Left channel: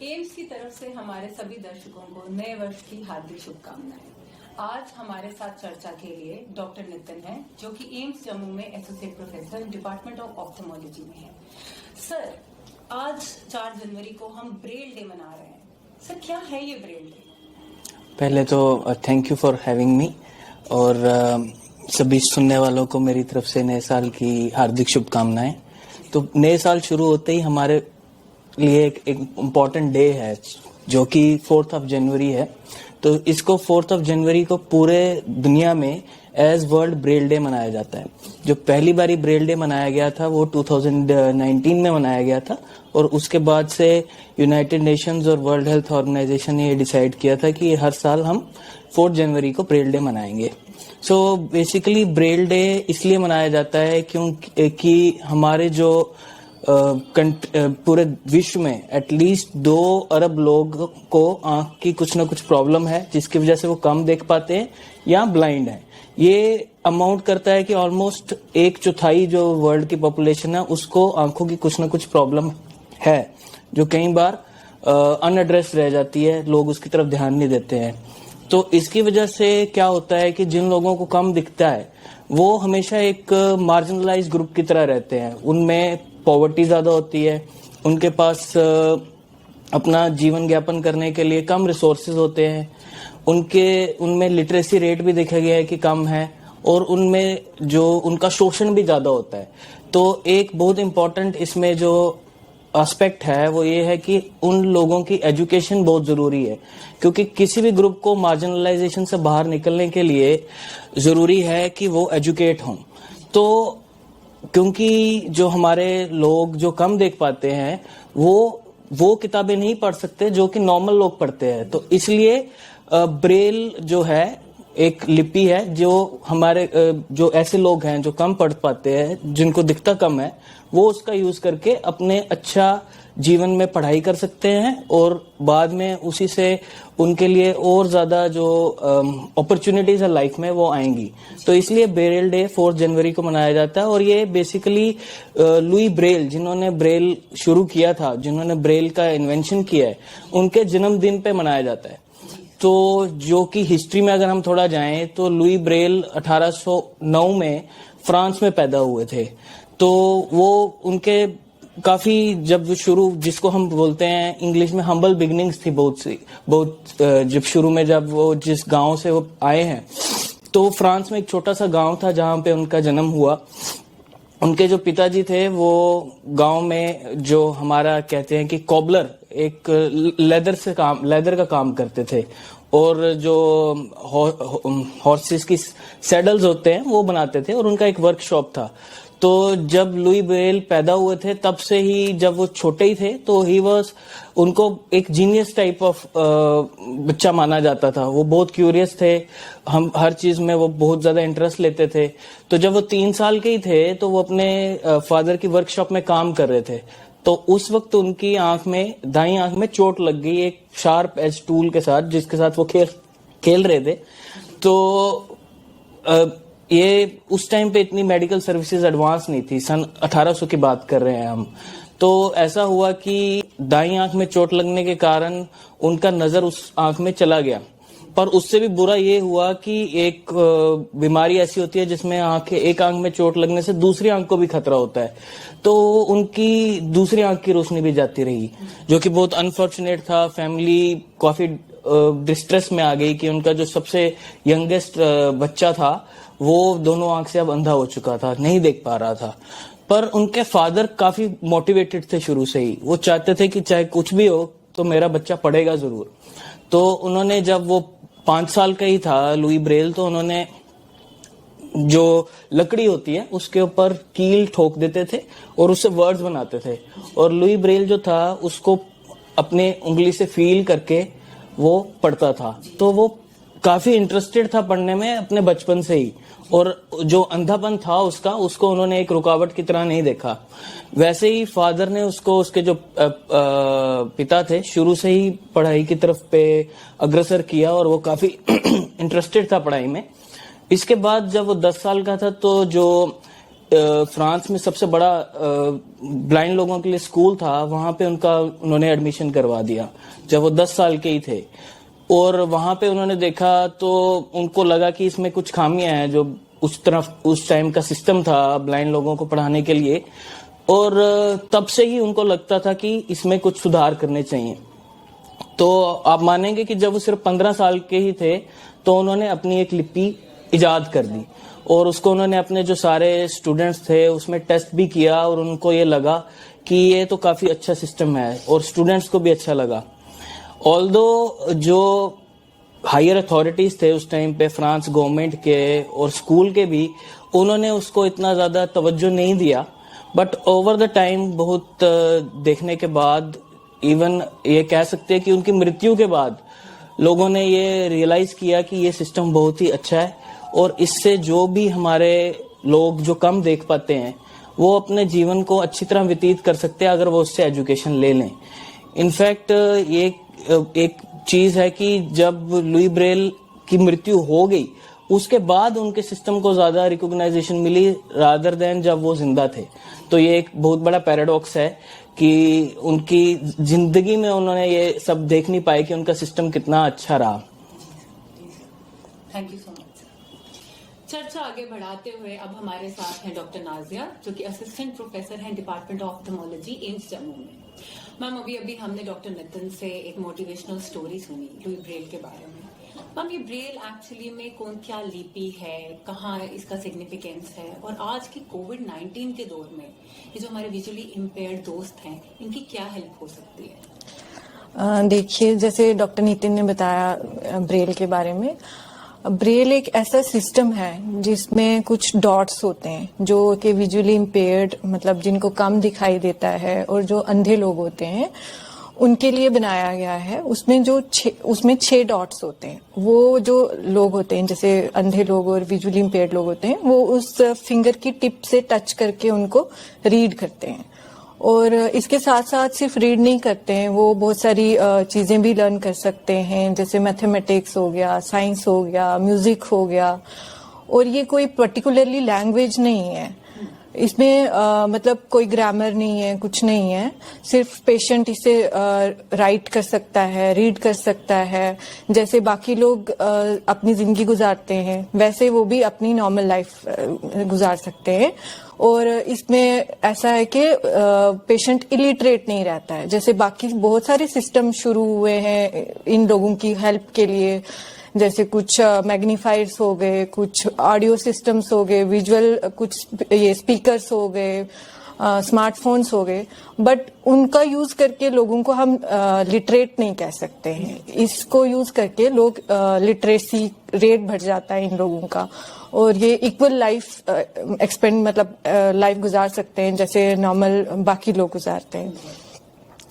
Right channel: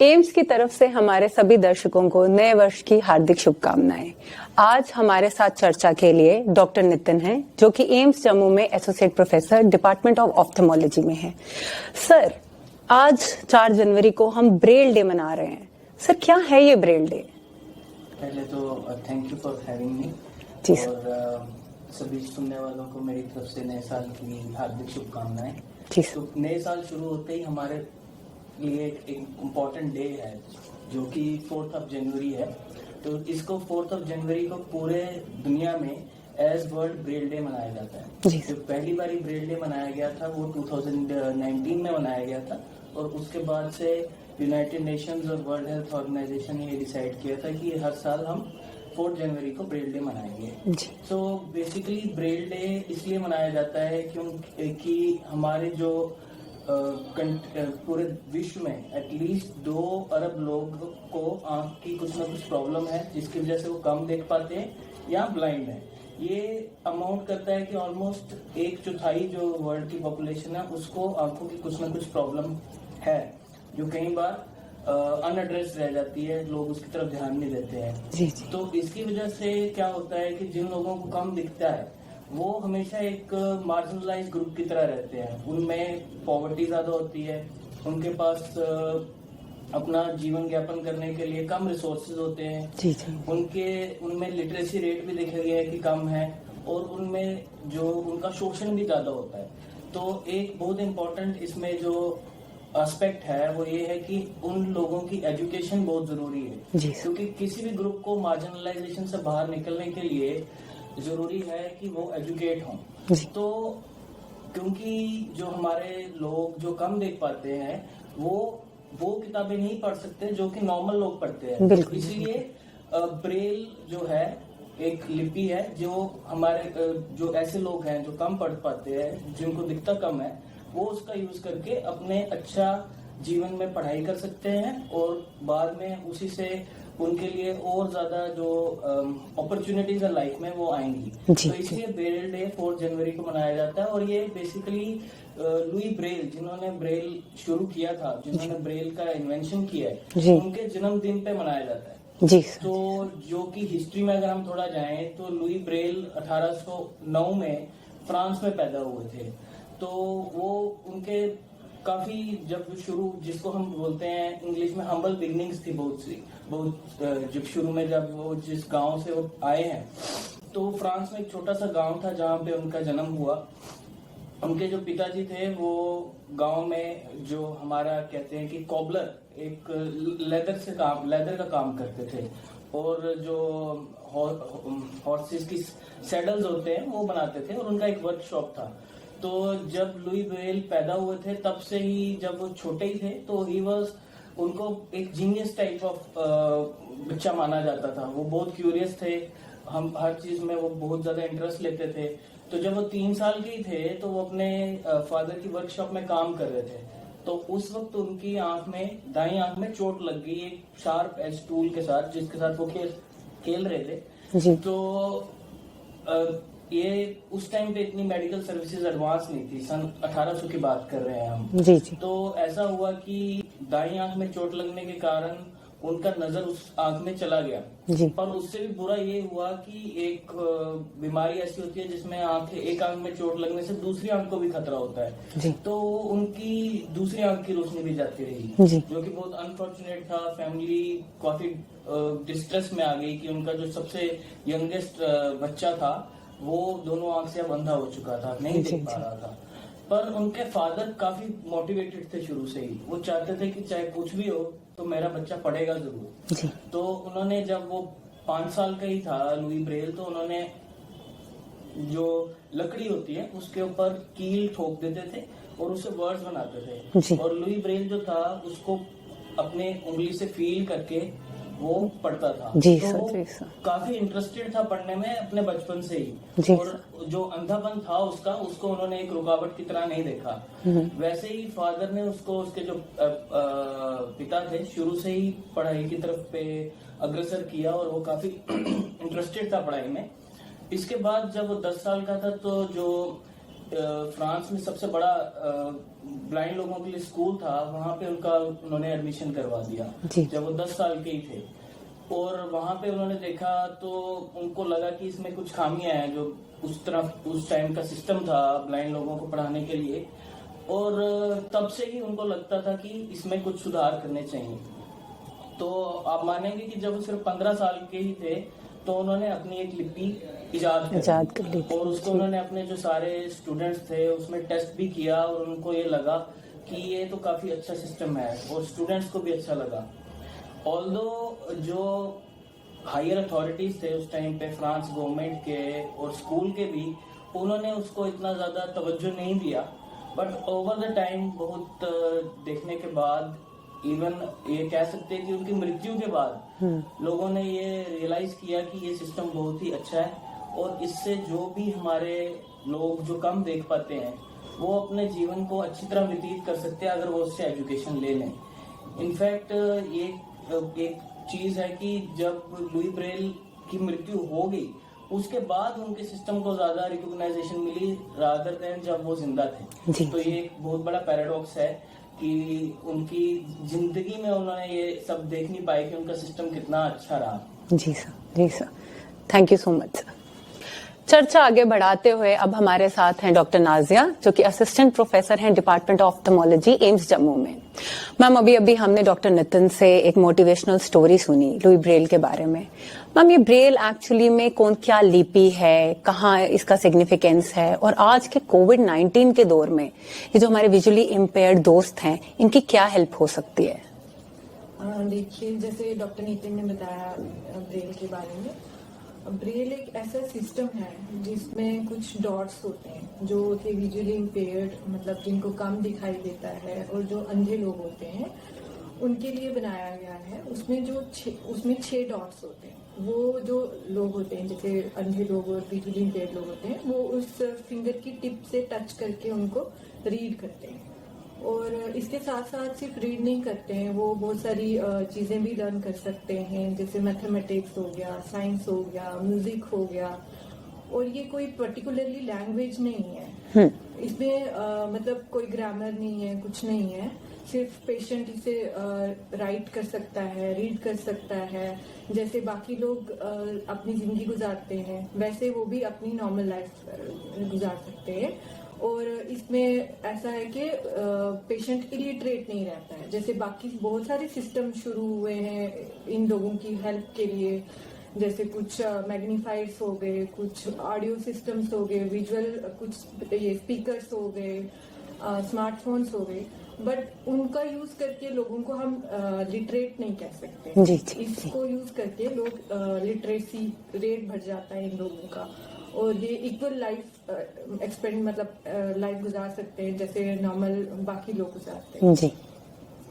AIIMS की तरफ से हमारे सभी दर्शकों को नए वर्ष की हार्दिक शुभकामनाएं। आज हमारे साथ चर्चा के लिए डॉक्टर नितिन हैं, जो कि एम्स जम्मू में एसोसिएट प्रोफेसर डिपार्टमेंट ऑफ ऑप्थेमोलॉजी में हैं। सर, आज 4 जनवरी को हम ब्रेल डे मना रहे हैं। सर, क्या है ये ब्रेल डे? पहले तो thank you for having me और सभी सुनने वालों को मेरी तरफ से नए साल की हार्दिक शुभकामनाएं। तो नए साल शुरू होते ही हमारे लिए एक इम्पॉर्टेंट डे है जो कि 4th ऑफ जनवरी है। तो इसको 4th ऑफ जनवरी को पूरे दुनिया में एज वर्ल्ड ब्रेल डे मनाया जाता है। जो पहली बारी ब्रेल डे मनाया गया था वो 2019 में मनाया गया था और उसके बाद से यूनाइटेड नेशंस और वर्ल्ड हेल्थ ऑर्गेनाइजेशन ने ये डिसाइड किया था कि हर साल हम 4 जनवरी को ब्रेल डे मनाएंगे। सो बेसिकली ब्रेल डे इसलिए मनाया जाता है क्योंकि हमारे जो पूरे विश्व में एटलीस्ट 2 अरब लोग को आंख की कुछ ना कुछ प्रॉब्लम है जिसकी वजह से वो कम देख पाते हैं या ब्लाइंड है। ये अमाउंट करता है कि ऑलमोस्ट 1/4 जो वर्ल्ड की पॉपुलेशन है उसको आंखों की कुछ ना कुछ प्रॉब्लम है, जो कई बार अनएड्रेस रह जाती है, लोग उसकी तरफ ध्यान नहीं देते हैं। तो इसकी वजह से क्या होता है कि जिन लोगों को कम दिखता है वो हमेशा एक मार्जिनलाइज ग्रुप की तरह रहते हैं। उनमें पॉवर्टी ज्यादा होती है, उनके पास अपना जीवन यापन करने के लिए कम रिसोर्सेज होते हैं, उनमें लिटरेसी रेट भी देखा गया है कि कम है और उनमें जो उनका शोषण भी ज्यादा होता है। तो एक बहुत इम्पोर्टेंट इसमें जो एस्पेक्ट है वो ये है कि उन लोगों की एजुकेशन बहुत जरूरी है, क्योंकि किसी भी ग्रुप को मार्जिनलाइजेशन से बाहर निकलने के लिए जरूरी है कि वो एजुकेट हों। तो क्योंकि जो हमारे लोग जो कम देख पाते हैं वो किताबें नहीं पढ़ सकते जो कि नॉर्मल लोग पढ़ते हैं, तो इसलिए ब्रेल जो है एक लिपि है जो हमारे जो ऐसे लोग हैं जो कम पढ़ पाते हैं, जिनको दिखता कम है, वो उसका यूज करके अपने अच्छा जीवन में पढ़ाई कर सकते हैं और बाद में उसी से उनके लिए और ज्यादा जो अपॉर्चुनिटीज है लाइफ में वो आएंगी। तो इसलिए ब्रेल डे 4 जनवरी को मनाया जाता है और ये बेसिकली लुई ब्रेल, जिन्होंने ब्रेल शुरू किया था, जिन्होंने ब्रेल का इन्वेंशन किया है, उनके जन्मदिन पे मनाया जाता है। तो जो कि हिस्ट्री में अगर हम थोड़ा जाएं तो लुई ब्रेल 1809 में फ्रांस में पैदा हुए थे। तो वो उनके काफी जब शुरू, जिसको हम बोलते हैं इंग्लिश में हम्बल बिगिनिंग्स थी बहुत जब शुरू में जब वो जिस गांव से वो आए हैं, तो फ्रांस में एक छोटा सा गांव था जहां पे उनका जन्म हुआ। उनके जो पिताजी थे वो गांव में जो हमारा कहते हैं कि कॉबलर, एक लेदर का काम करते थे और जो हॉर्सेस की सैडल्स होते हैं वो बनाते थे और उनका एक वर्कशॉप था। तो जब लुई ब्रेल पैदा हुए थे तब से ही, जब वो छोटे ही थे तो उनको एक जीनियस टाइप ऑफ बच्चा माना जाता था। वो बहुत क्यूरियस थे, हम हर चीज में वो बहुत ज्यादा इंटरेस्ट लेते थे। तो जब वो 3 साल के ही थे तो वो अपने फादर की वर्कशॉप में काम कर रहे थे। तो उस वक्त उनकी दाईं आंख में चोट लग गई एक शार्प एज टूल के साथ, जिसके साथ वो खेल रहे थे। तो ये उस टाइम पे इतनी मेडिकल सर्विसेज एडवांस नहीं थी, सन 1800 की बात कर रहे हैं हम। तो ऐसा हुआ कि दाईं आंख में चोट लगने के कारण उनका नजर उस आंख में चला गया। पर उससे भी बुरा ये हुआ कि एक बीमारी ऐसी होती है जिसमें एक आंख में चोट लगने से दूसरी आंख को भी खतरा होता है। तो उनकी दूसरी आंख की रोशनी भी जाती रही, जो कि बहुत अनफॉर्चुनेट था। फैमिली काफी डिस्ट्रेस में आ गई कि उनका जो सबसे यंगेस्ट बच्चा था वो दोनों आंख से अब अंधा हो चुका था, नहीं देख पा रहा था। पर उनके फादर काफी मोटिवेटेड थे शुरू से ही, वो चाहते थे कि चाहे कुछ भी हो तो मेरा बच्चा पढ़ेगा जरूर। तो उन्होंने, जब वो 5 साल का ही था लुई ब्रेल, तो उन्होंने जो लकड़ी होती है उसके ऊपर कील ठोक देते थे और उससे वर्ड्स बनाते थे। और लुई ब्रेल जो था उसको अपने उंगली से फील करके वो पढ़ता था। तो वो काफी इंटरेस्टेड था पढ़ने में अपने बचपन से ही, और जो अंधापन था उसको उन्होंने एक रुकावट की तरह नहीं देखा। वैसे ही फादर ने उसके जो पिता थे शुरू से ही पढ़ाई की तरफ पे अग्रसर किया और वो काफी इंटरेस्टेड था पढ़ाई में। इसके बाद जब वो 10 साल का था तो जो फ्रांस में सबसे बड़ा ब्लाइंड लोगों के लिए स्कूल था, वहां पे उन्होंने एडमिशन करवा दिया जब वो 10 साल के ही थे। और वहां पे उन्होंने देखा तो उनको लगा कि इसमें कुछ खामियां हैं, जो उस टाइम का सिस्टम था ब्लाइंड लोगों को पढ़ाने के लिए, और तब से ही उनको लगता था कि इसमें कुछ सुधार करने चाहिए। तो आप मानेंगे कि जब वो सिर्फ 15 साल के ही थे तो उन्होंने अपनी एक लिपि इजाद कर दी, और उसको उन्होंने अपने जो सारे स्टूडेंट्स थे उसमें टेस्ट भी किया, और उनको ये लगा कि ये तो काफी अच्छा सिस्टम है, और स्टूडेंट्स को भी अच्छा लगा। ऑल्दो जो हायर अथॉरिटीज थे उस टाइम पे फ्रांस गवर्नमेंट के और स्कूल के भी, उन्होंने उसको इतना ज्यादा तवज्जो नहीं दिया, बट ओवर द टाइम बहुत देखने के बाद, इवन ये कह सकते हैं कि उनकी मृत्यु के बाद लोगों ने ये रियलाइज किया कि ये सिस्टम बहुत ही अच्छा है, और इससे जो भी हमारे लोग जो कम देख पाते हैं वो अपने जीवन को अच्छी तरह व्यतीत कर सकते हैं अगर वो उससे एजुकेशन ले लें। इनफैक्ट ये एक चीज है कि जब लुई ब्रेल की मृत्यु हो गई उसके बाद उनके सिस्टम को ज्यादा रिकॉग्नाइजेशन मिली रादर देन जब वो जिंदा थे। तो ये एक बहुत बड़ा पैराडॉक्स है कि उनकी जिंदगी में उन्होंने ये सब देख नहीं पाए कि उनका सिस्टम कितना अच्छा रहा। जी sir, thank you so much sir. चर्चा आगे बढ़ाते हुए अब हमारे साथ हैं डॉक्टर नाजिया, जो कि असिस्टेंट प्रोफेसर हैं डिपार्टमेंट ऑफ ऑफ्थेमोलॉजी एम्स जम्मू में। मैम, अभी हमने डॉक्टर नितिन से एक मोटिवेशनल स्टोरी सुनी लुई ब्रेल के बारे में। मैम, ये ब्रेल एक्चुअली में क्या लिपि है, कहाँ इसका सिग्निफिकेंस है, और आज के कोविड-19 के दौर में ये जो हमारे विजुअली इम्पेयर्ड दोस्त हैं इनकी क्या हेल्प हो सकती है? देखिए, जैसे डॉक्टर नितिन ने बताया ब्रेल के बारे में, ब्रेल एक ऐसा सिस्टम है जिसमें कुछ डॉट्स होते हैं जो कि विजुअली इम्पेयर्ड, मतलब जिनको कम दिखाई देता है, और जो अंधे लोग होते हैं उनके लिए बनाया गया है। उसमें 6 डॉट्स होते हैं। वो जो लोग होते हैं, जैसे अंधे लोग और विजुअली इम्पेयर्ड लोग होते हैं, वो उस फिंगर की टिप से टच करके उनको रीड करते हैं। और इसके साथ साथ सिर्फ रीड नहीं करते हैं, वो बहुत सारी चीजें भी लर्न कर सकते हैं, जैसे मैथमेटिक्स हो गया, साइंस हो गया, म्यूजिक हो गया। और ये कोई पर्टिकुलरली लैंग्वेज नहीं है, इसमें मतलब कोई ग्रामर नहीं है, कुछ नहीं है। सिर्फ पेशेंट इसे राइट कर सकता है, रीड कर सकता है। जैसे बाकी लोग अपनी जिंदगी गुजारते हैं वैसे वो भी अपनी नॉर्मल लाइफ गुजार सकते हैं। और इसमें ऐसा है कि पेशेंट इलिटरेट नहीं रहता है, जैसे बाकी बहुत सारे सिस्टम शुरू हुए हैं इन लोगों की हेल्प के लिए, जैसे कुछ मैग्नीफायर्स हो गए, कुछ ऑडियो सिस्टम्स हो गए, विजुअल कुछ ये स्पीकर्स हो गए, स्मार्टफोन्स हो गए, बट उनका यूज करके लोगों को हम लिटरेट नहीं कह सकते। इसको यूज करके लोग लिटरेसी रेट बढ़ जाता है इन लोगों का, और ये इक्वल लाइफ मतलब लाइफ गुजार सकते हैं जैसे नॉर्मल बाकी लोग गुजारते हैं।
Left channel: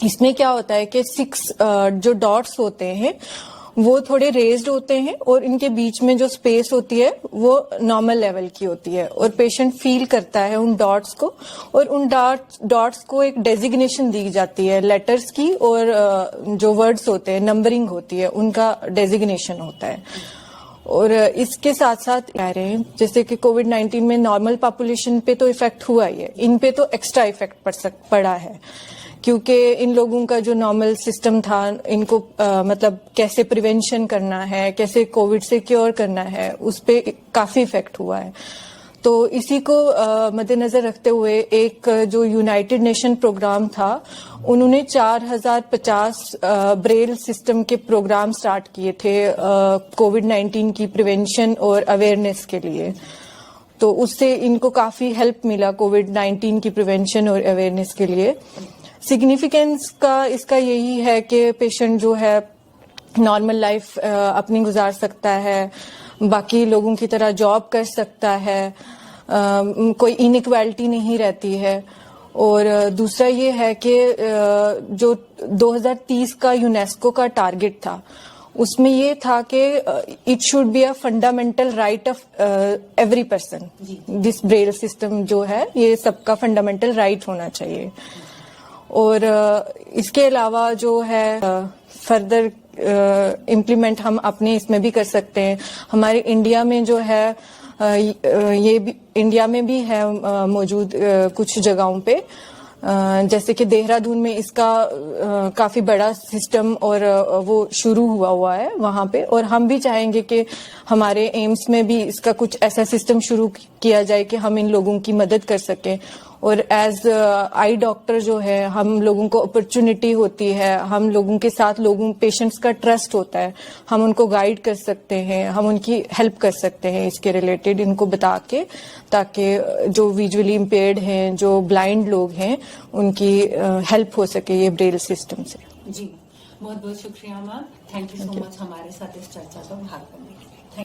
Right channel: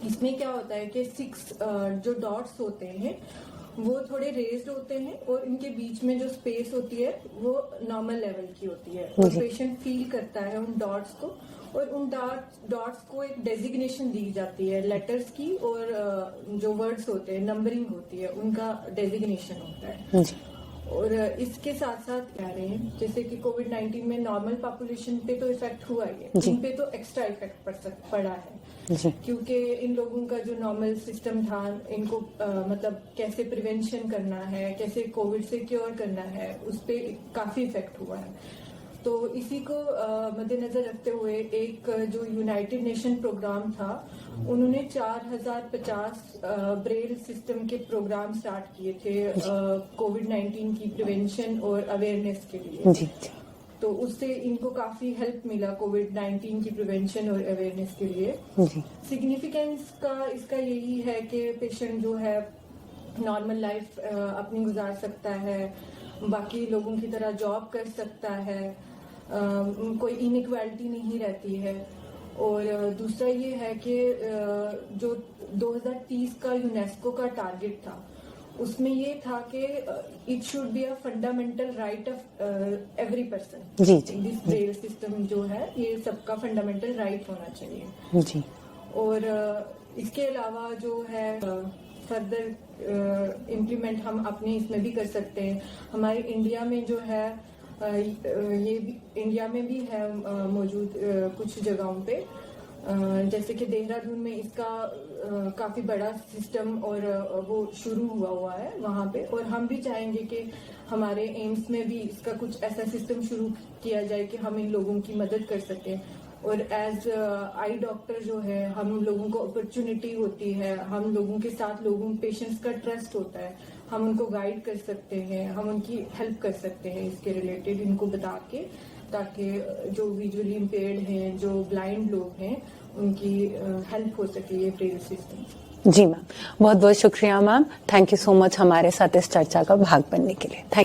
इसमें क्या होता है कि 6 जो डॉट्स होते हैं वो थोड़े रेज्ड होते हैं, और इनके बीच में जो स्पेस होती है वो नॉर्मल लेवल की होती है, और पेशेंट फील करता है उन डॉट्स को, और उन डॉट्स को एक डेजिग्नेशन दी जाती है लेटर्स की, और जो वर्ड्स होते हैं, नंबरिंग होती है, उनका डेजिग्नेशन होता है। और इसके साथ साथ कह रहे हैं जैसे कि कोविड-19 में नॉर्मल पॉपुलेशन पे तो इफेक्ट हुआ ही है, इन पे तो एक्स्ट्रा इफेक्ट पड़ा है, क्योंकि इन लोगों का जो नॉर्मल सिस्टम था, इनको मतलब कैसे प्रिवेंशन करना है, कैसे कोविड से क्योर करना है, उस पे काफी इफेक्ट हुआ है। तो इसी को मद्देनजर रखते हुए एक जो यूनाइटेड नेशन प्रोग्राम था, उन्होंने 4050 ब्रेल सिस्टम के प्रोग्राम स्टार्ट किए थे कोविड-19 की प्रिवेंशन और अवेयरनेस के लिए। तो उससे इनको काफी हेल्प मिला कोविड-19 की प्रिवेंशन और अवेयरनेस के लिए। सिग्निफिकेंस का इसका यही है कि पेशेंट जो है नॉर्मल लाइफ अपनी गुजार सकता है, बाकी लोगों की तरह जॉब कर सकता है, कोई इनइक्वालिटी नहीं रहती है। और दूसरा ये है कि जो 2030 का यूनेस्को का टारगेट था, उसमें ये था कि it should be a fundamental right of every person. This Braille system जो है ये सबका फंडामेंटल राइट होना चाहिए। और इसके अलावा जो है फर्दर इम्प्लीमेंट हम अपने इसमें भी कर सकते हैं। हमारे इंडिया में जो है ये भी इंडिया में भी है मौजूद कुछ जगहों पे, जैसे कि देहरादून में इसका काफी बड़ा सिस्टम और वो शुरू हुआ है वहां पे, और हम भी चाहेंगे कि हमारे एम्स में भी इसका कुछ ऐसा सिस्टम शुरू किया जाए कि हम इन लोगों की मदद कर सकें। और एज आई डॉक्टर जो है, हम लोगों को अपॉर्चुनिटी होती है, हम लोगों के साथ पेशेंट्स का ट्रस्ट होता है, हम उनको गाइड कर सकते हैं, हम उनकी हेल्प कर सकते हैं इसके रिलेटेड, इनको बता के, ताकि जो विजुअली इम्पेयर्ड हैं, जो ब्लाइंड लोग हैं, उनकी हेल्प हो सके ये ब्रेल सिस्टम से। जी मैम, बहुत बहुत शुक्रिया ma'am, thank you so much हमारे साथ इस चर्चा का भाग बनने के लिए। थैंक